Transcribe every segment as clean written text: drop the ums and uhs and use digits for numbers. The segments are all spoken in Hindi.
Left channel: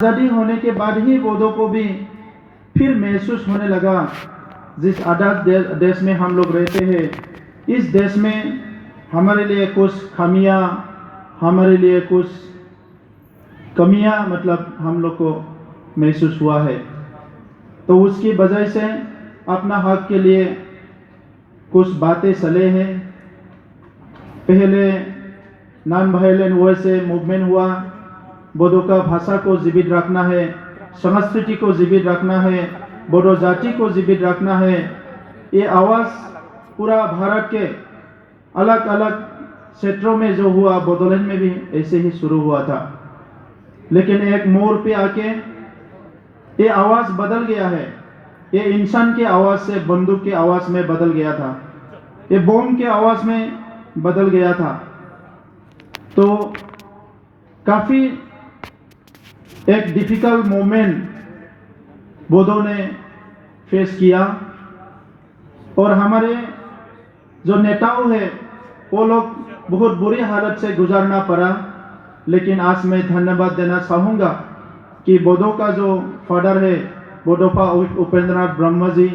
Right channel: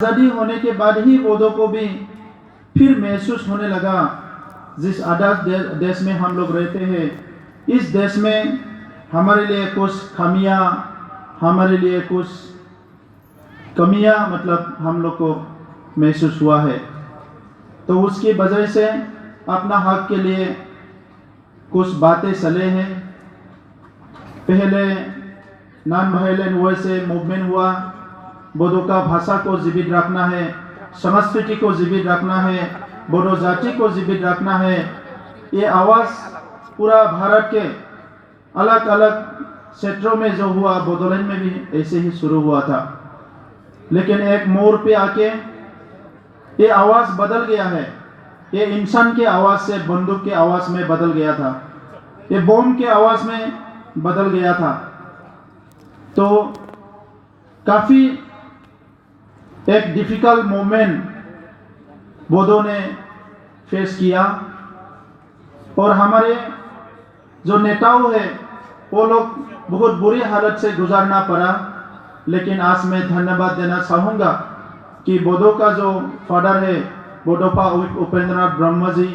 आज़ादी होने के बाद ही बोधों को भी फिर महसूस होने लगा, जिस आज़ाद देश में हम लोग रहते हैं, इस देश में हमारे लिए कुछ खामियां, हमारे लिए कुछ कमियां मतलब हम लोग को महसूस हुआ है। तो उसकी वजह से अपना हक के लिए कुछ बातें चले हैं। पहले नॉन वायलेंट वे से मूवमेंट हुआ, बोडो का भाषा को जीवित रखना है, संस्कृति को जीवित रखना है, बोडो जाति को जीवित रखना है। ये आवाज़ पूरा भारत के अलग अलग क्षेत्रों में जो हुआ, बोडोलैंड में भी ऐसे ही शुरू हुआ था। लेकिन एक मोड़ पे आके ये आवाज़ बदल गया है। ये इंसान के आवाज़ से बंदूक के आवाज़ में बदल गया था, ये बम के आवाज़ में बदल गया था। तो काफ़ी एक डिफिकल्ट मोमेंट बोडो ने फेस किया और हमारे जो नेताओं हैं वो लोग बहुत बुरी हालत से गुजारना पड़ा। लेकिन आज मैं धन्यवाद देना चाहूँगा कि बोडो का जो फादर है, बोडोफा उपेंद्रनाथ ब्रह्म जी,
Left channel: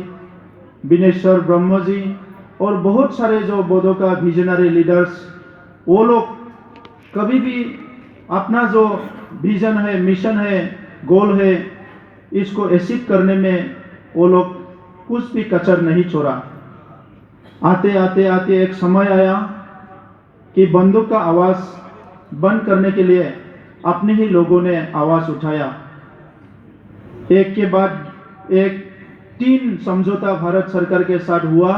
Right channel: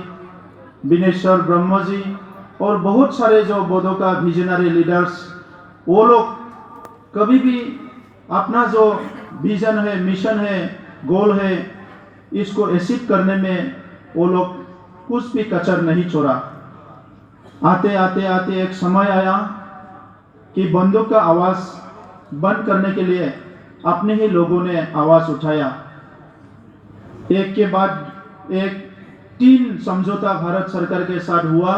बिनेश्वर ब्रह्म जी और बहुत सारे जो बोडो का विजनरी लीडर्स, वो लोग कभी भी अपना जो विजन है, मिशन है, गोल है, इसको अचीव करने में वो लोग कुछ भी कसर नहीं छोड़ा। आते आते आते एक समय आया कि बंदूक का आवाज़ बंद करने के लिए अपने ही लोगों ने आवाज़ उठाया। एक के बाद एक 3 समझौता भारत सरकार के साथ हुआ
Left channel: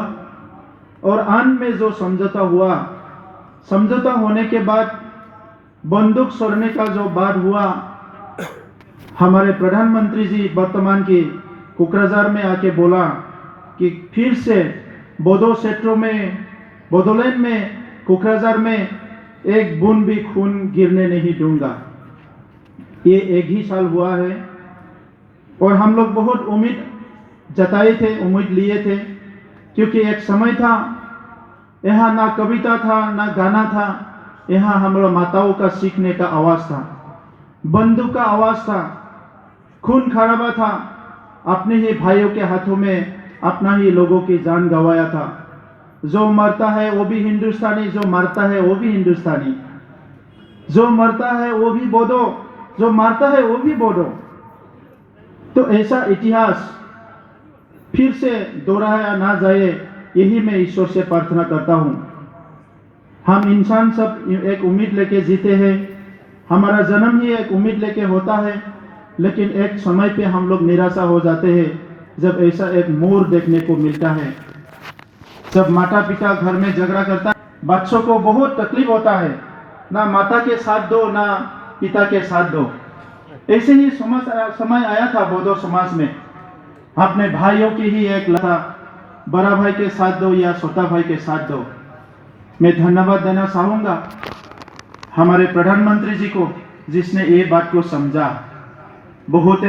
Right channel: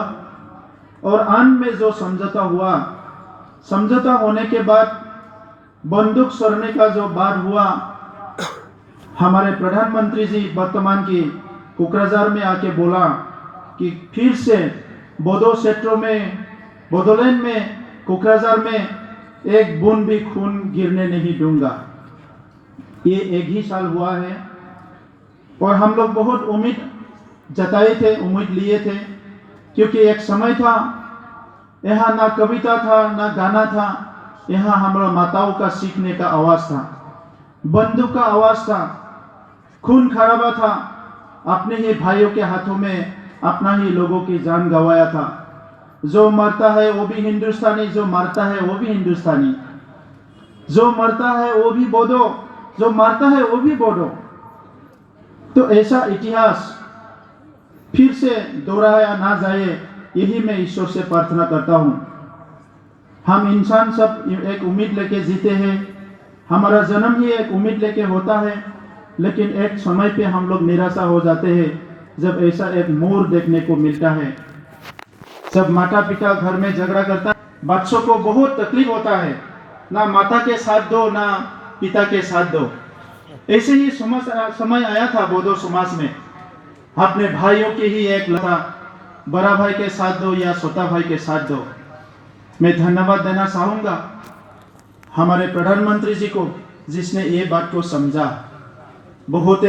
और अंत में जो समझौता हुआ, समझौता होने के बाद बंदूक छोड़ने का जो बात हुआ, हमारे प्रधानमंत्री जी वर्तमान की कोकराझार में आके बोला कि फिर से बोडो क्षेत्रों में, बोडोलैंड में, कोकराझार में एक बूंद भी खून गिरने नहीं दूंगा। ये एक ही साल हुआ है और हम लोग बहुत उम्मीद जताए थे, उम्मीद लिए थे, क्योंकि एक समय था यहाँ ना कविता था ना गाना था, यहाँ हमारा माताओं का सीखने का आवाज़ था, बंदूक का आवाज़ था, खून खराबा था, अपने ही भाइयों के हाथों में अपना ही लोगों की जान गंवाया था। जो मरता है वो भी हिंदुस्तानी, जो मरता है वो भी हिंदुस्तानी, जो मरता है वो भी बोडो, जो मरता है वो भी बोडो। तो ऐसा इतिहास फिर से दोहराया ना जाए, यही मैं ईश्वर से प्रार्थना करता हूँ। हम इंसान सब एक उम्मीद लेके जीते हैं, हमारा जन्म ही एक उम्मीद लेके होता है, लेकिन एक समय पे हम लोग निराशा हो जाते हैं जब ऐसा एक मोड़ देखने को मिलता है। जब माता पिता घर में झगड़ा करता है, बच्चों को बहुत तकलीफ होता है, ना माता के साथ दो ना पिता के साथ दो। ऐसे ही समय आया था बोडो समाज में, अपने भाइयों की ही एक लड़ा, बड़ा भाई के साथ दो या छोटा भाई के साथ दो। मैं धन्यवाद देना चाहूँगा हमारे प्रधानमंत्री जी को, जिसने ये बात को समझा। बहुत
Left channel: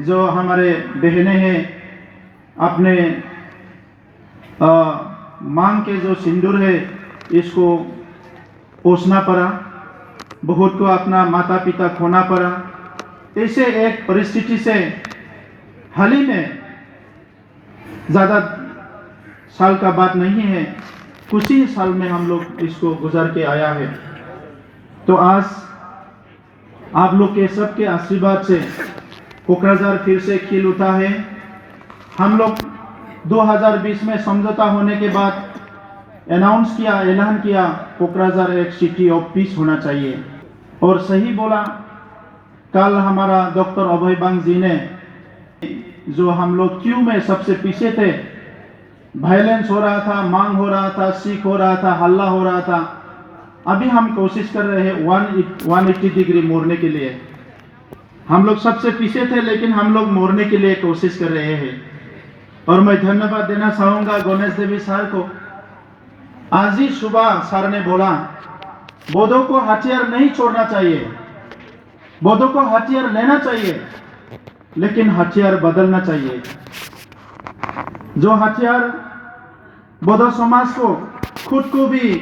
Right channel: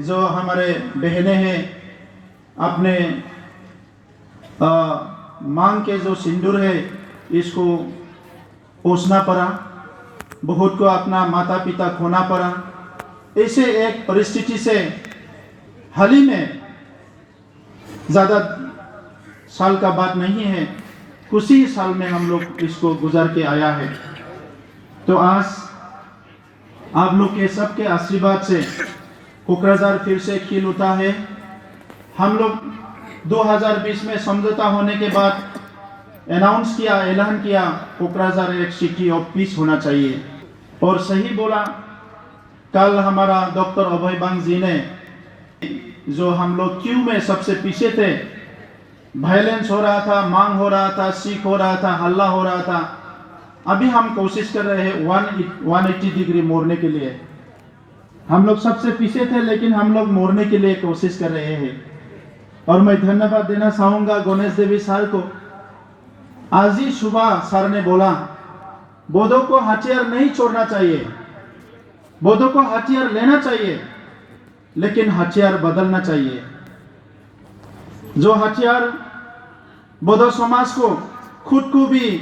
जो हमारे बहनें हैं, अपने मांग के जो सिंदूर है इसको पोसना पड़ा, बहुत को अपना माता पिता खोना पड़ा। ऐसे एक परिस्थिति से हाल ही में, ज़्यादा साल का बात नहीं है, कुछ ही साल में हम लोग इसको गुजर के आया है। तो आज आप लोग के सबके आशीर्वाद से कोकराझार फिर से खिल उठा है। हम लोग 2020 में समझौता होने के बाद अनाउंस किया, ऐलान किया, कोकराझार एक सिटी ऑफ पीस होना चाहिए। और सही बोला, कल हमारा डॉक्टर अभय बांग जी ने, जो हम लोग क्यू में सबसे पीछे थे, वायलेंस हो रहा था, मांग हो रहा था, सीख हो रहा था, हल्ला हो रहा था, अभी हम कोशिश कर रहे हैं 180 डिग्री मोड़ने के लिए। हम लोग सबसे पीछे थे लेकिन हम लोग मोड़ने के लिए कोशिश कर रहे हैं। और मैं धन्यवाद देना चाहूँगा गणेश देवी सर को। आज ही सुबह सर ने बोला, बोडो को हथियार नहीं छोड़ना चाहिए, बोडो को हथियार लेना चाहिए, लेकिन हथियार बदलना चाहिए। जो हथियार बोडो समाज को, खुद को भी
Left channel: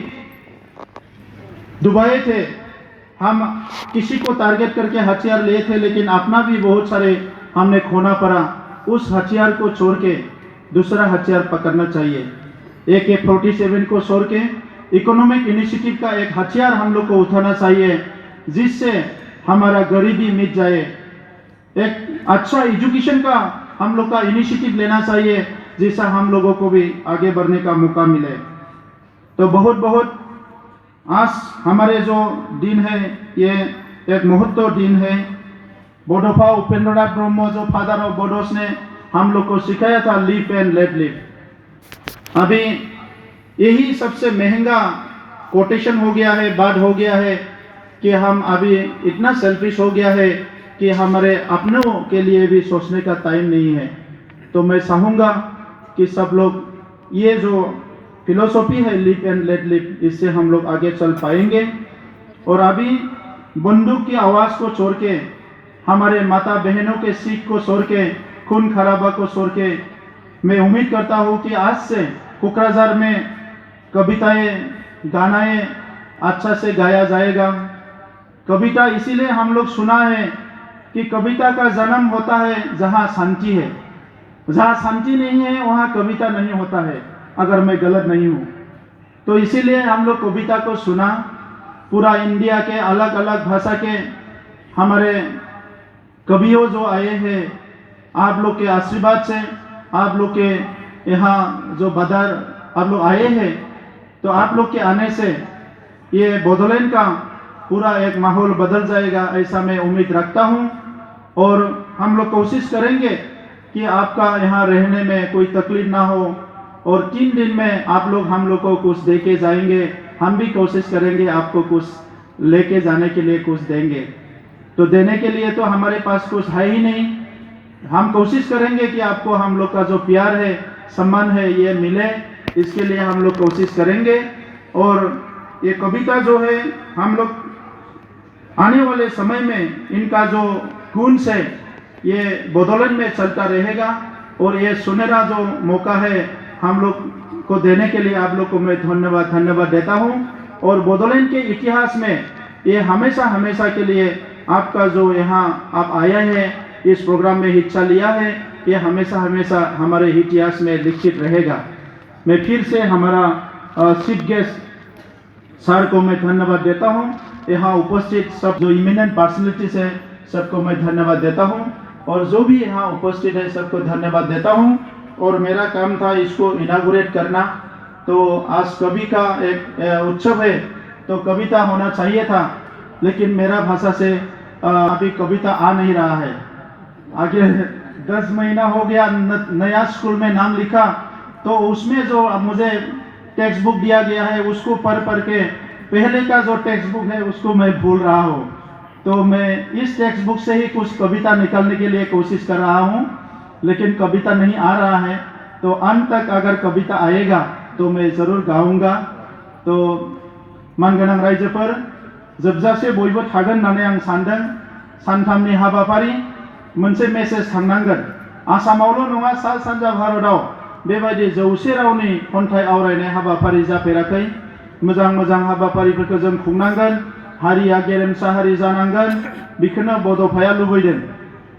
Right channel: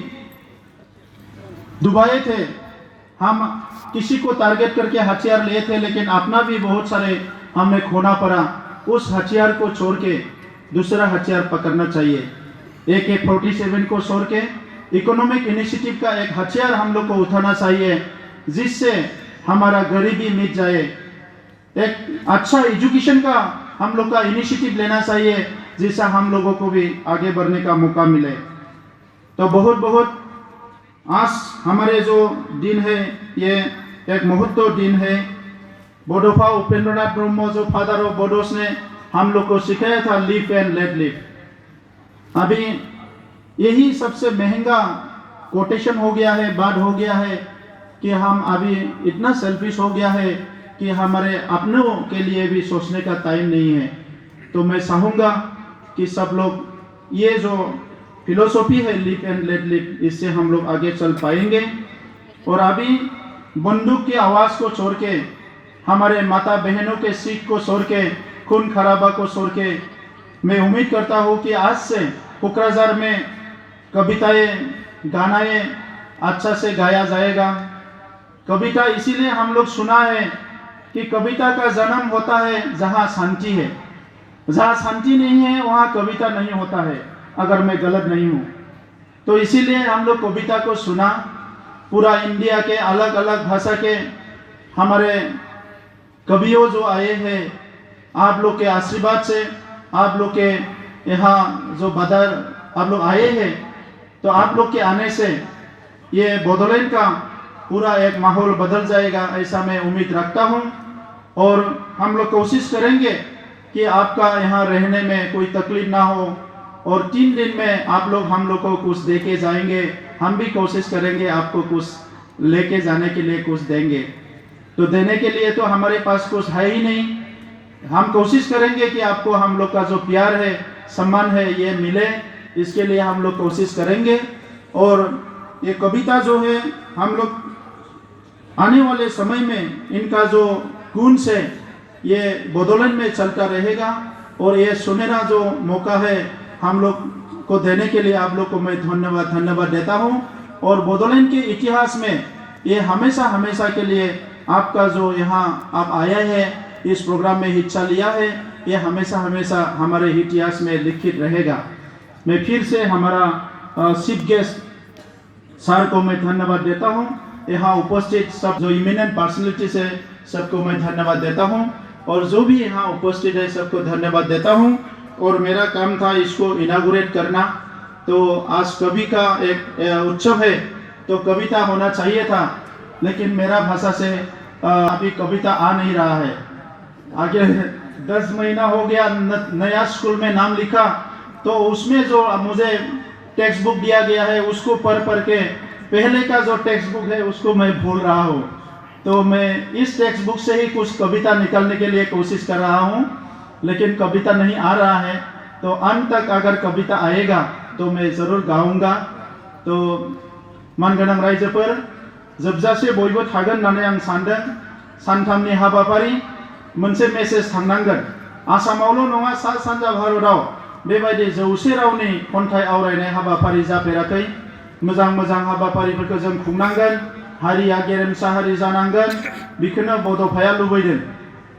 डुबाए थे, हम किसी को टारगेट करके हथियार लिए थे, लेकिन अपना भी बहुत सारे हमें खोना पड़ा। उस हथियार को छोड़ के दूसरा हथियार पकड़ना चाहिए। AK-47 को छोड़ के इकोनॉमिक इनिशिएटिव का एक हथियार हम लोग को उठाना चाहिए, जिससे हमारा गरीबी मिट जाए। एक अच्छा एजुकेशन का हम लोग का इनिशिएटिव लेना चाहिए, जिससे हम लोगों को भी आगे बढ़ने का मौका मिले। तो बहुत बहुत आज हमारे जो दिन है, ये एक महत्व दिन है। बडोफा उपेंद्रनाथ ब्रह्म जो फादर ऑफ बडोस ने हम लोग को सिखाया था, लिव एंड लेट लिव। अभी यही सबसे महंगा कोटेशन हो गया है, बात हो गया है कि हम अभी इतना सेल्फिश हो गया है कि हमारे अपनों के लिए भी सोचने का टाइम नहीं है। तो मैं चाहूँगा कि सब लोग ये जो फिलोसॉफी है लिव एंड लेट लिव, इससे हम लोग आगे चल पाएंगे। और अभी बंदूक की आवाज़ को छोड़ के, हमारे माता बहनों के सीख को छोड़ के, खून खराबा को छोड़ के, मैं उम्मीद करता हूँ कि आज से कोकराझार में कविताएं गानाएं अच्छा से गाया जाएगा। कविता इसीलिए हम लोग सुना है कि कविता का जन्म होता है जहाँ शांति है। जहाँ शांति नहीं है वहाँ कविता नहीं होता है, अगर मैं गलत नहीं हूँ। तो इसीलिए हम लोग कविता को सुना। पूरा इंडिया के अलग अलग भाषा के हमारे कवियों जो आए हैं, आप लोग के आशीर्वाद से, आप लोग के यहाँ जो बदर आप लोग आए हैं, तो आप लोग के आने से ये बोडोलैंड का पूरा एक माहौल बदल जाएगा, ऐसा मैं उम्मीद रखता हूँ। और हम लोग कोशिश करेंगे कि आपका यहाँ रहने में कोई तकलीफ ना हो, और 3 दिन में आप लोग हम लोग को कुछ दे के जाएंगे। हम भी कोशिश करेंगे आपको कुछ लेके जाने के लिए कुछ देंगे। तो देने के लिए तो हमारे पास कुछ है ही नहीं। हम कोशिश करेंगे कि आपको हम लोग का जो प्यार है, सम्मान है, ये मिले, इसके लिए हम लोग कोशिश करेंगे। और ये कविता जो है, हम लोग आने वाले समय में इनका जो गुण से ये बोडोलैंड में चलता रहेगा। और ये सुनहरा जो मौका है हम लोग को देने के लिए आप लोग को मैं धन्यवाद देता हूँ। और बोडोलैंड के इतिहास में ये हमेशा हमेशा के लिए आपका जो यहाँ आप आया है, इस प्रोग्राम में हिस्सा लिया है, ये हमेशा हमेशा हमारे इतिहास में लिखित रहेगा। मैं फिर से हमारा चीफ गेस्ट सर को मैं धन्यवाद देता हूँ। यहाँ उपस्थित सब जो इमिनेंट पर्सनैलिटीज है, सबको मैं धन्यवाद देता हूँ। और जो भी यहाँ उपस्थित है, सबको धन्यवाद देता हूँ। और मेरा काम था इसको इनागुरेट करना। तो आज कवि का एक उत्सव है, तो कविता होना चाहिए था, लेकिन मेरा भाषा से अभी कविता आ नहीं रहा है। आगे 10 महीना हो गया, नया स्कूल में नाम लिखा, तो उसमें जो मुझे टेक्स्ट बुक दिया गया है, उसको पढ़ के पहले का जो टेक्स्ट बुक है उसको मैं भूल रहा हूँ। तो मैं इस टेक्स्ट बुक से ही कुछ कविता निकालने के लिए कोशिश कर रहा हूँ, लेकिन कविता नहीं आ रहा है। तो अंत तक अगर कविता आएगा तो मैं ज़रूर गाऊंगा। तो मानगोनां रायजोफोर, जोबजासे बयबो थागोन होननानै आं सानदों। सानथामनि हाबाफारि मोनसे मेसेज थांनांगोन। आसामावल' नङा, सा सानजा भारताव बेबायदि 100 रावनि खन्थाइ आवरायनाय हाबाफारि जाफेराखै। मोजां मोजां हाबाफारिफोरखौ जों खुंनांगोन। हारिया गेरेमसा हारि जानांगोन, बेखौनो बड'फाया लुबैदों।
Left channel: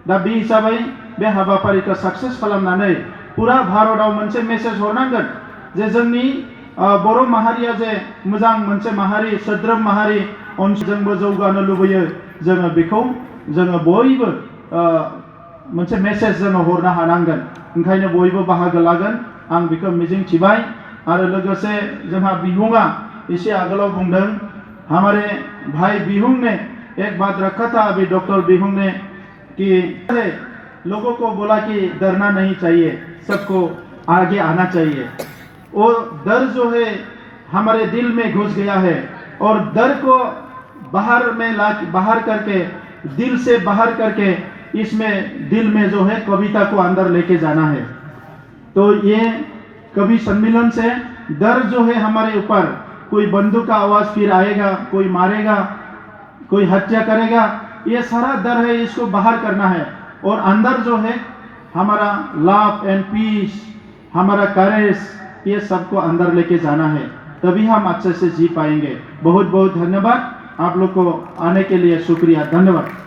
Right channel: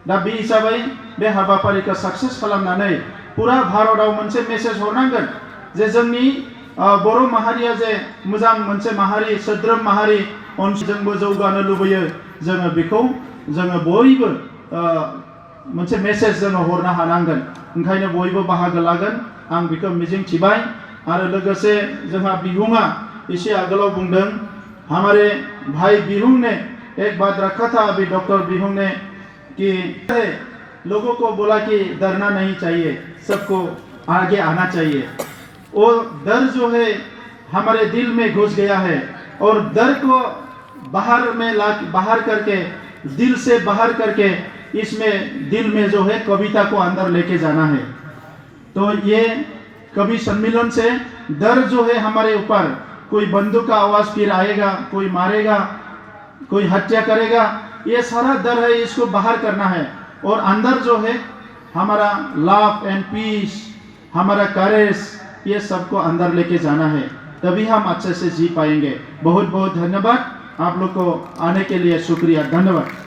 दा बे हिसाबै बे हाबाफारिखौ साक्सेस खालामनानै पुरा भारताव मोनसे मेसेज हरनांगोन जे जोंनि बर' माहारिया जे मोजां मोनसे माहारि, सोद्रोम माहारि, जोंबो जौगानो लुबैयो। जोङो बेखौ जोङो बयबो मोनसे मेसेज जोङो हरनो हानांगोन। ओंखायनो बयबो बाहागो लागोन, आं बेखौ मिजिं थिबाय। आरो लोगोसे जोंहा बिहुंआ एसे आगोलाव बुंदों, हमारे भाई बिहुं ने एक बात रखा था अभी डॉक्टर बिहुं ने, कि लोगों को बोला कि डरना नहीं चाहिए, सबको आगे आना चाहिए। और डर जो है हमारे दिल में घुस गया है, और डर को बाहर करके, दिल से बाहर करके, इसमें दिल में जो है कविता को अंदर लेके जाना है। तो ये कवि सम्मेलन से डर जो है हमारे ऊपर, कोई बंदूक का आवाज फिर आएगा, कोई मारेगा, कोई हत्या करेगा, ये सारा डर है, इसको बाहर करना है। और अंदर जो है हमारा लव एंड पीस, हमारा करेज, ये सबको अंदर लेके जाना है, तभी हम अच्छे से जी पाएंगे। बहुत बहुत धन्यवाद। आप लोग को आने के लिए शुक्रिया, धन्यवाद।